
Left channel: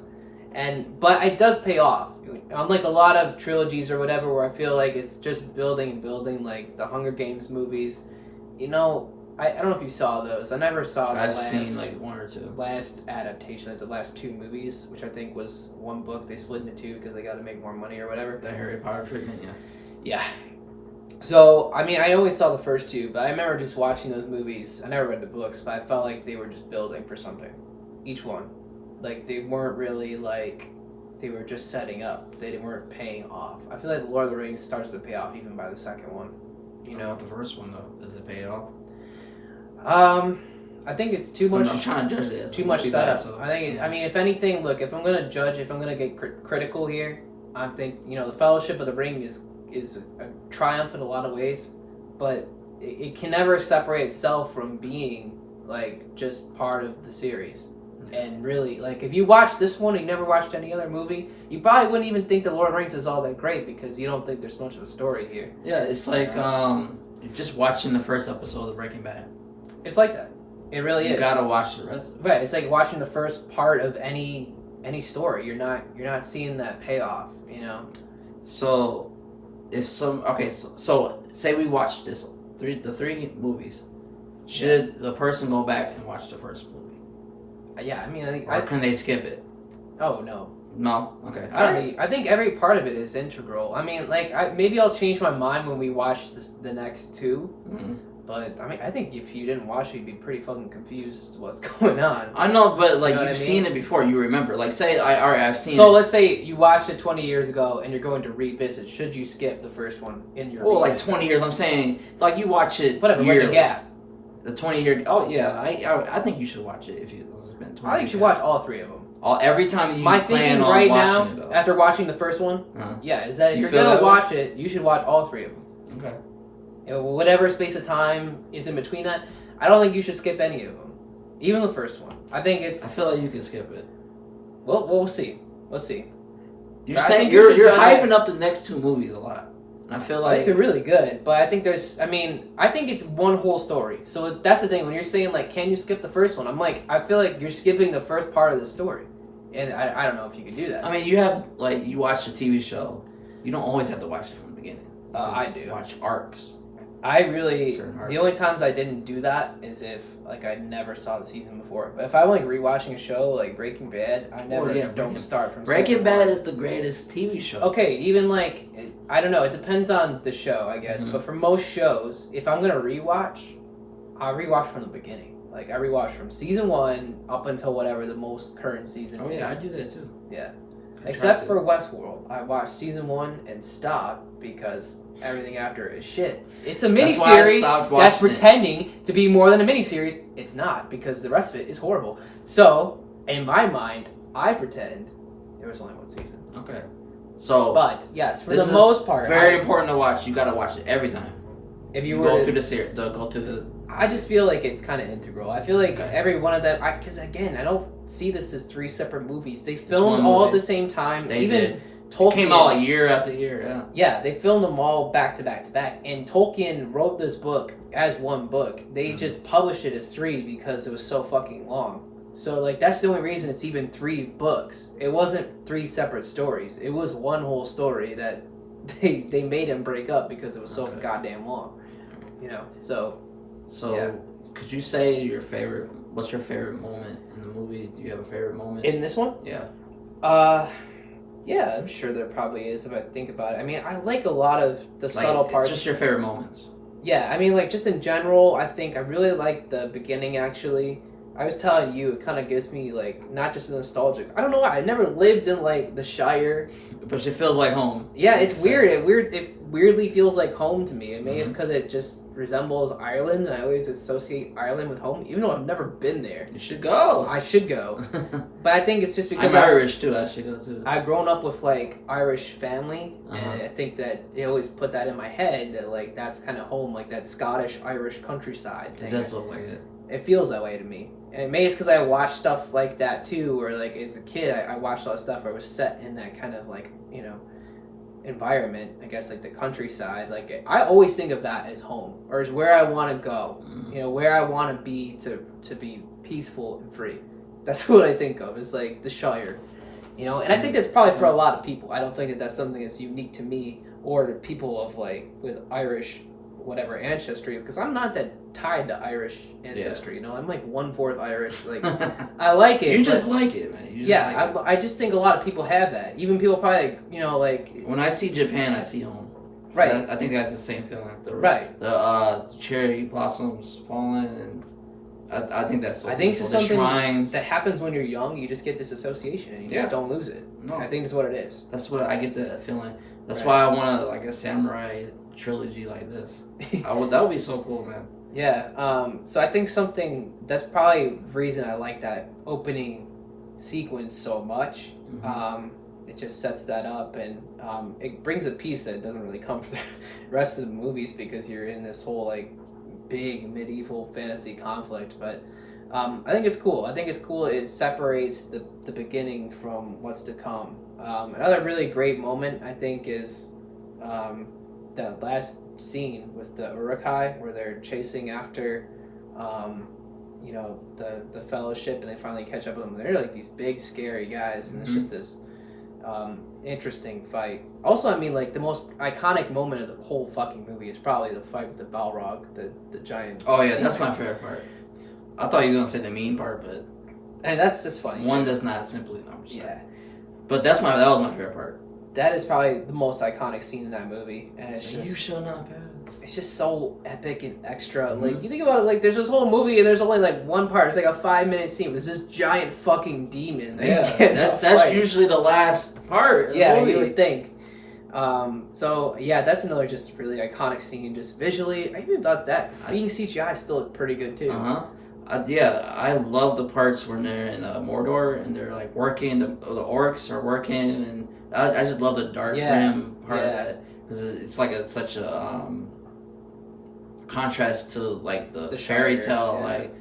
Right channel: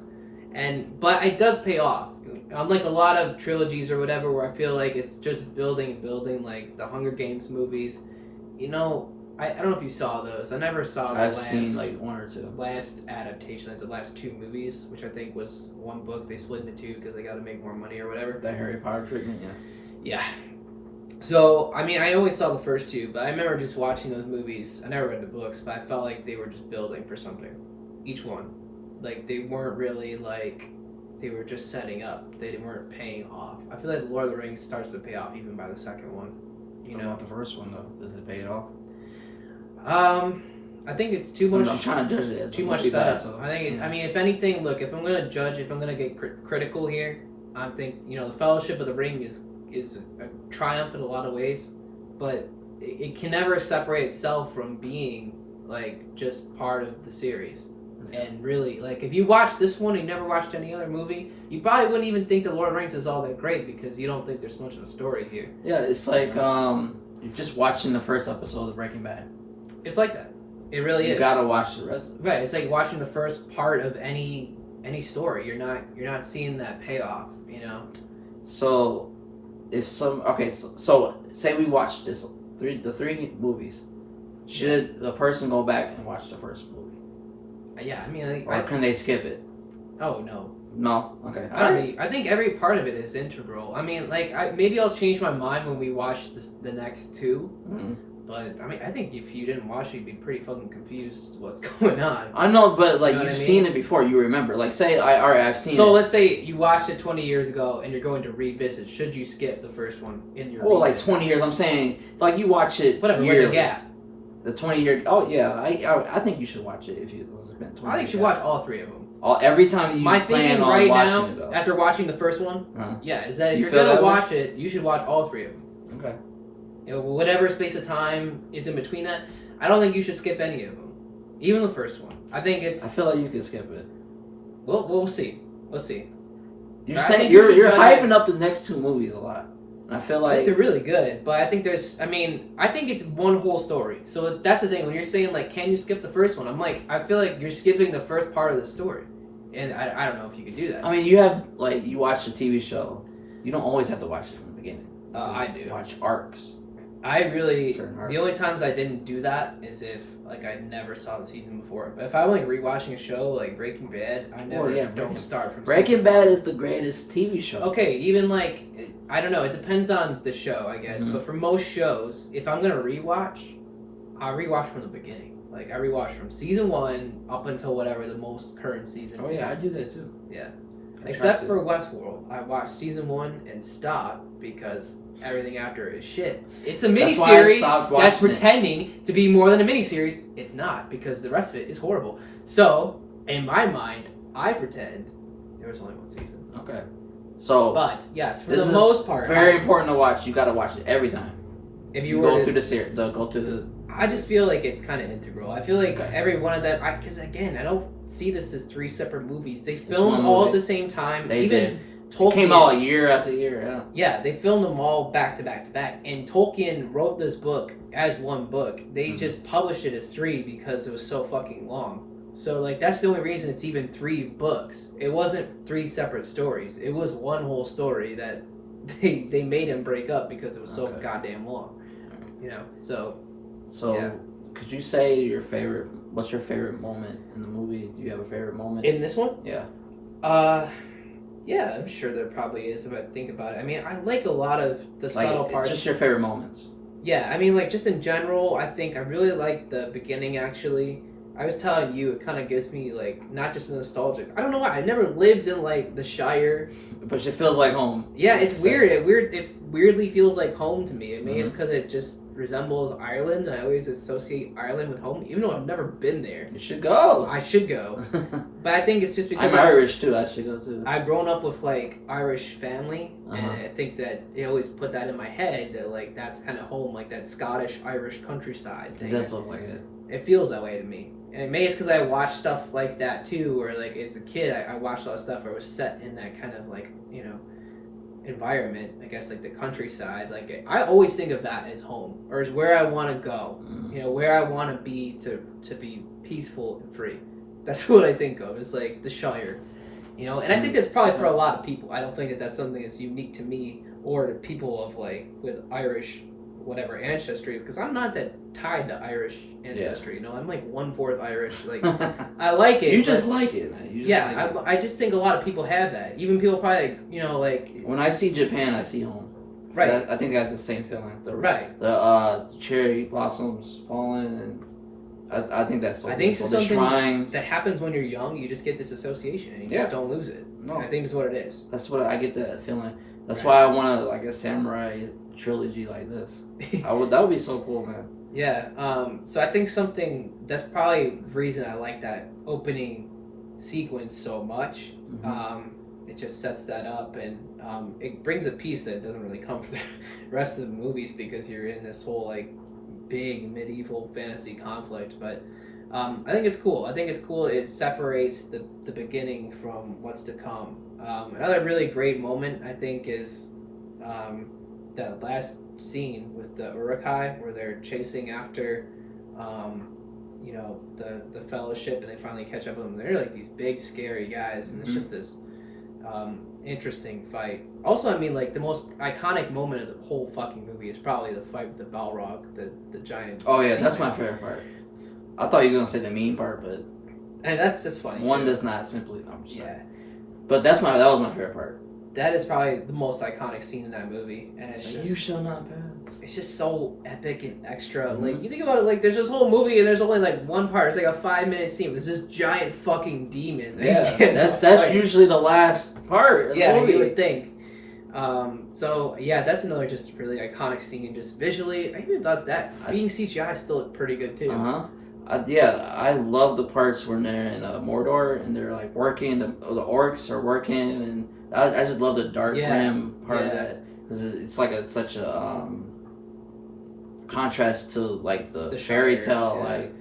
But it does pay off. Unlike a lot of trilogies or whatever, where I feel like it's just building and building, like the Hunger Games movies. You know, I don't know if you saw those. I never saw I've seen like 1 or 2. Last adaptation, like the last 2 movies, which I think was 1 book. They split into 2 because they got to make more money or whatever. The Harry Potter treatment, yeah. Yeah. So, I mean, I only saw the first 2, but I remember just watching those movies. I never read the books, but I felt like they were just building for something. Each one. Like, they weren't really, like, they were just setting up. They weren't paying off. I feel like The Lord of the Rings starts to pay off even by the second one. You know? The first one, though. Does it pay off? I think it's too much. I'm trying to judge it as too much setup. So, I think. I mean, if anything, look. If I'm gonna judge, if I'm gonna get critical here, I think the Fellowship of the Ring is a triumph in a lot of ways, but it can never separate itself from being like just part of the series. And really, like, if you watch this one and you never watched any other movie, you probably wouldn't even think The Lord of the Rings is all that great because you don't think there's much of a story here. Yeah, it's like you're just watching the first episode of Breaking Bad. It's like that. It really is. You gotta watch the rest of it. Right. It's like watching the first part of any story. You're not seeing that payoff. So, if so say we watch the 3 movies, should the person go back and watch the first movie? Yeah, I mean, or can they skip it? Oh no. No. Okay. I think every part of it is integral. I mean, like, maybe I'll change my mind when we watch the next 2. Mm-hmm. But I mean, I think if you didn't watch it, you'd be pretty fucking confused what's going on. I know, but like you've seen it before, you remember. Like, say I've seen it. So let's say you watched it 20 years ago and you're going to revisit. Should you skip the first one in your? Well, like 20 years. I'm saying, like, you watch it. Whatever. Yearly. With the gap. The 20-year. Oh yeah, I think you should watch it if you spend 20. I think you should watch all 3 of them. Every time you plan on right watching now, it, though. after watching the first one, yeah, is that if you're gonna watch it, you should watch all 3 of them. Okay. Whatever space of time is in between that, I don't think you should skip any of them, even the first one. I think it's. I feel like you can skip it. Well, we'll see. We'll see. You're saying you're hyping up the next 2 movies a lot. I feel like they're really good, but I think I think it's one whole story. So that's the thing. When you're saying, like, can you skip the first one? I'm like, I feel like you're skipping the first part of the story. And I don't know if you can do that. I mean, you have, like, you watch a TV show. You don't always have to watch it from the beginning. I do. Watch arcs. The only times I didn't do that is if, like, I never saw the season before. But if I'm, like, rewatching a show like Breaking Bad, I never don't start from Breaking Bad is the greatest TV show. Okay, even, like, I don't know. It depends on the show, I guess. Mm-hmm. But for most shows, if I'm going to rewatch, I'll rewatch from the beginning. Like, I rewatch from season 1 up until whatever the most current season is. Oh, yeah, I do that, too. Yeah. Except for Westworld. I watched season 1 and stopped because everything after is shit. It's a miniseries that's pretending to be more than a miniseries. It's not, because the rest of it is horrible. So, in my mind, I pretend there was only 1 season. Okay. So, but yes, for the most part, very important to watch. You got to watch it every time. If you go through the series, go through the. I just feel like it's kind of integral. I feel like every one of them. Because again, I don't see this as 3 separate movies. They filmed all at the same time. They did. Tolkien, it came out year after year. Yeah. Yeah, they filmed them all back to back to back. And Tolkien wrote this book as 1 book. They just published it as 3 because it was so fucking long. So, like, that's the only reason it's even 3 books. It wasn't 3 separate stories. It was one whole story that they made him break up because it was so Okay. goddamn long. You know, so So, could you say your favorite? What's your favorite moment in the movie? Do you have a favorite moment? in this one, Yeah. yeah, I'm sure there probably is if I think about it. I mean, I like a lot of the subtle Like, parts. just your favorite moments. Yeah, I mean, like, just in general, I think I really like the beginning, actually. I was telling you, it kind of gives me, like, not just nostalgic. I don't know why. I never lived in, like, the Shire. But it feels like home. Yeah, like it's you said. weird. It weirdly feels like home to me. Maybe it's Mhm. because it just resembles Ireland, and I always associate Ireland with home, even though I've never been there. You should go. I should go. But I think it's just because I'm Irish too. I should go too. I've grown up with like Irish family, Uh-huh. and I think that it always put that in my head that like that's kind of home, like that Scottish Irish countryside It thing. does look like it. It feels that way to me, and maybe it's because I watched stuff like that too, where like as a kid I watched a lot of stuff where it was set in that kind of like environment. I guess like the countryside. Like I always think of that as home or as where I want to go. Where I want to be to be peaceful and free. That's what I think of. It's like the Shire. And I think that's probably for a lot of people. I don't think that that's something that's unique to me or to people of like with Irish whatever ancestry, because I'm not that tied to Irish ancestry. I'm like 1/4 Irish. Like I like it. You just like it, man. You just like it. I just think a lot of people have that. Even people probably like when I see Japan, I see home. Right. I think I have the same feeling. Right. The cherry blossoms falling, and I think that's so I think beautiful. it's The something shrines. that happens when you're young. You just get this association and you just don't lose it. No. I think it's what it is. That's what I get that feeling. That's Right. why I want like a samurai trilogy like this. That would be so cool, man. Yeah. So I think that's probably the reason I like that opening sequence so much. Mhm. It just sets that up, and it brings a piece that doesn't really come for the rest of the movies because you're in this whole like big medieval fantasy conflict. But I think it's cool. It separates the beginning from what's to come. Another really great moment I think is that last scene with the Urukai where they're chasing after the fellowship, and they finally catch up with them. They're like these big scary guys, and it's just this interesting fight. Also, I mean, like the most iconic moment of the whole fucking movie is probably the fight with the Balrog, the giant. Oh yeah, that's my favorite part. I thought you were gonna say the mean part, but and that's funny. One does not simply. I'm sorry. Yeah. But that was my favorite part. That is probably the most iconic scene in that movie, and it's you shall not pass. It's just so epic and extra. Like you think about it, like there's this whole movie and there's only like one part. It's like a 5-minute scene. There's this giant fucking demon. Yeah, that's usually the last part of the movie. You would think. So yeah, that's another just really iconic scene. Just visually, I even thought that being CGI still looked pretty good too. I love the parts when they're in Mordor and they're like working. The orcs are working, and I just love the dark grim part of that because it's like such a contrast to like the fairy tale, like,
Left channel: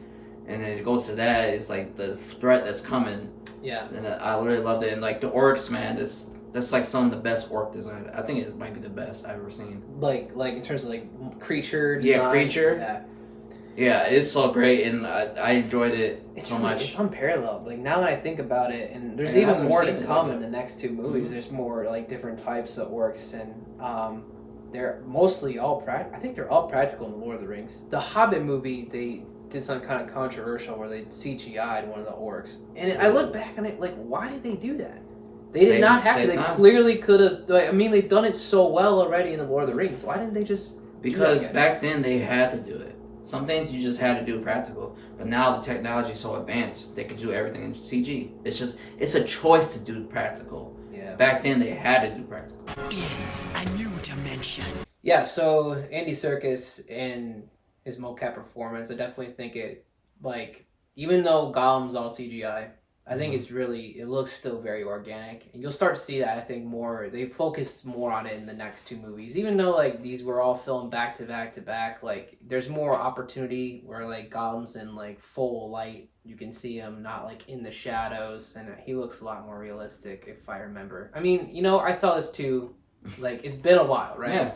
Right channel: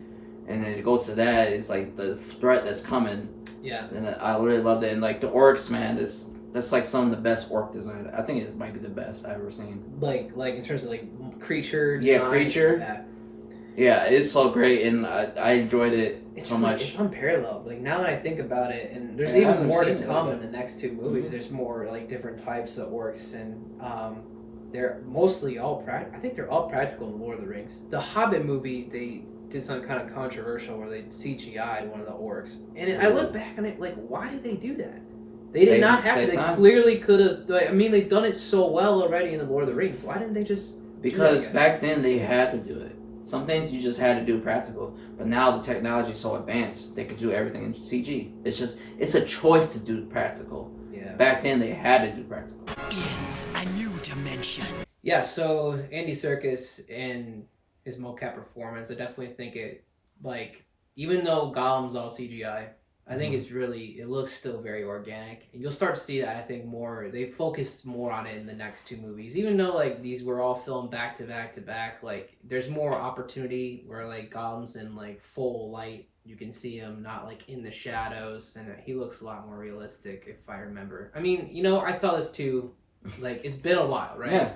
and then it goes to that. It's like the threat that's coming. Yeah, and I really love that. And like the orcs, man, that's like some of the best orc design. I think it might be the best I've ever seen. Like in terms of like creature design. Yeah, creature. Yeah, it's so great, and I enjoyed it so much. It's unparalleled. Like now that I think about it, and there's even more to come in the next two movies. Mm-hmm. There's more like different types of orcs, and they're mostly all I think they're all practical in Lord of the Rings. The Hobbit movie, they did something kind of controversial where they CGI'd one of the orcs, and I look back on it like, why did they do that? They did not have to. They clearly could have. I mean, they've done it so well already in the Lord of the Rings. Why didn't they just? Because back then they had to do it. Some things you just had to do practical, but now the technology is so advanced they could do everything in CG. It's a choice to do practical. Yeah. Back then they had to do practical. In a new dimension. Yeah. So Andy Serkis and his mocap performance, I definitely think it even though Gollum's all CGI. I think it looks still very organic, and you'll start to see that. I think more they focus more on it in the next two movies, even though like these were all filmed back to back to back. Like there's more opportunity where like Gollum's in like full light, you can see him not like in the shadows, and he looks a lot more realistic if I remember. I mean, I saw this too. Like it's been a while, right? Yeah.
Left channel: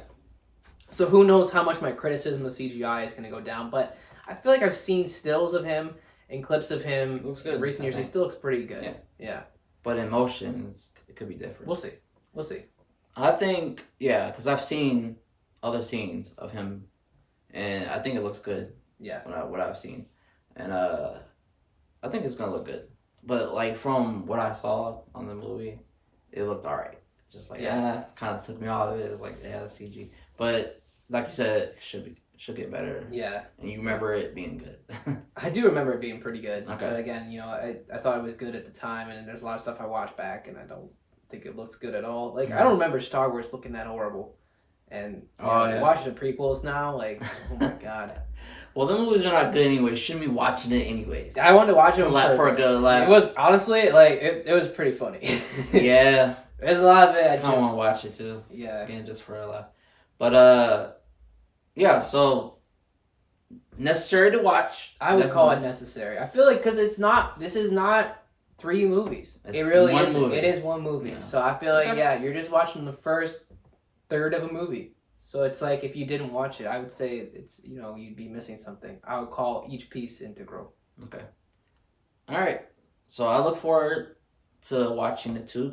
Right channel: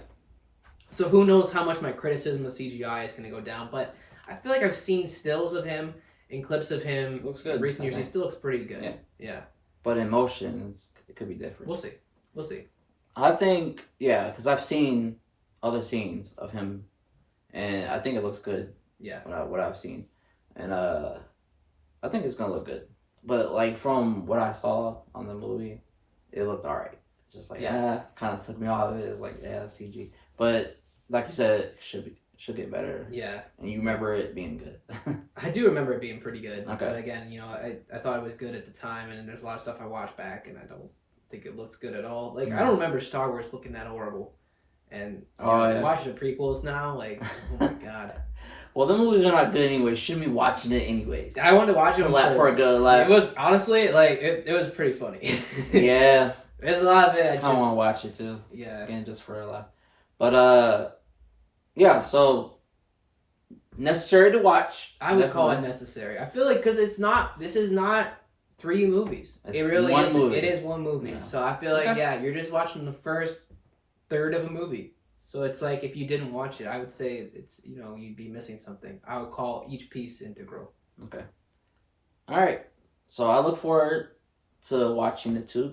So who knows how much my criticism of CGI is going to go down, but I feel like I've seen stills of him. In clips of him in recent years, he still looks pretty good. Yeah. But in motion, it could be different. We'll see. I think, yeah, because I've seen other scenes of him, and I think it looks good. Yeah. What I've seen, and I think it's gonna look good. But like from what I saw on the movie, it looked alright. Just like kind of took me off of it. It's like CG, but like you said, it should get better. Yeah. And you remember it being good. I do remember it being pretty good. Okay. But again, I thought it was good at the time, and there's a lot of stuff I watched back, and I don't think it looks good at all. Like, I don't remember Star Wars looking that horrible. And watching the prequels now, like, oh my god. Well, the movies are not good anyway. Shouldn't be watching it anyways. I wanted to watch it for a good laugh. It was, honestly, like, it was pretty funny. Yeah. There's a lot of it. I kind of want to watch it too. Yeah. Again, just for a laugh. But, yeah, so necessary to watch. I would call it necessary. I feel like, because this is not 3 movies. It's it really one is. movie. It is one movie. Yeah. So I feel like, you're just watching the first third of a movie. So it's like, if you didn't watch it, I would say it's, you'd be missing something. I would call each piece integral. Okay. All right. So I look forward to watching the Two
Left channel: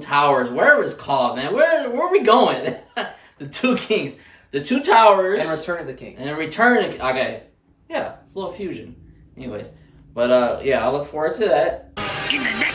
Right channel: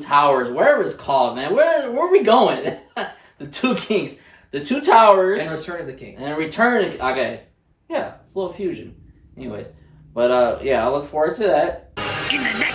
Towers, wherever it's called, man. Where are we going? The Two Kings, the Two Towers, And Return of the King. Okay. Yeah, it's a little fusion. Anyways, but yeah, I look forward to that. In the next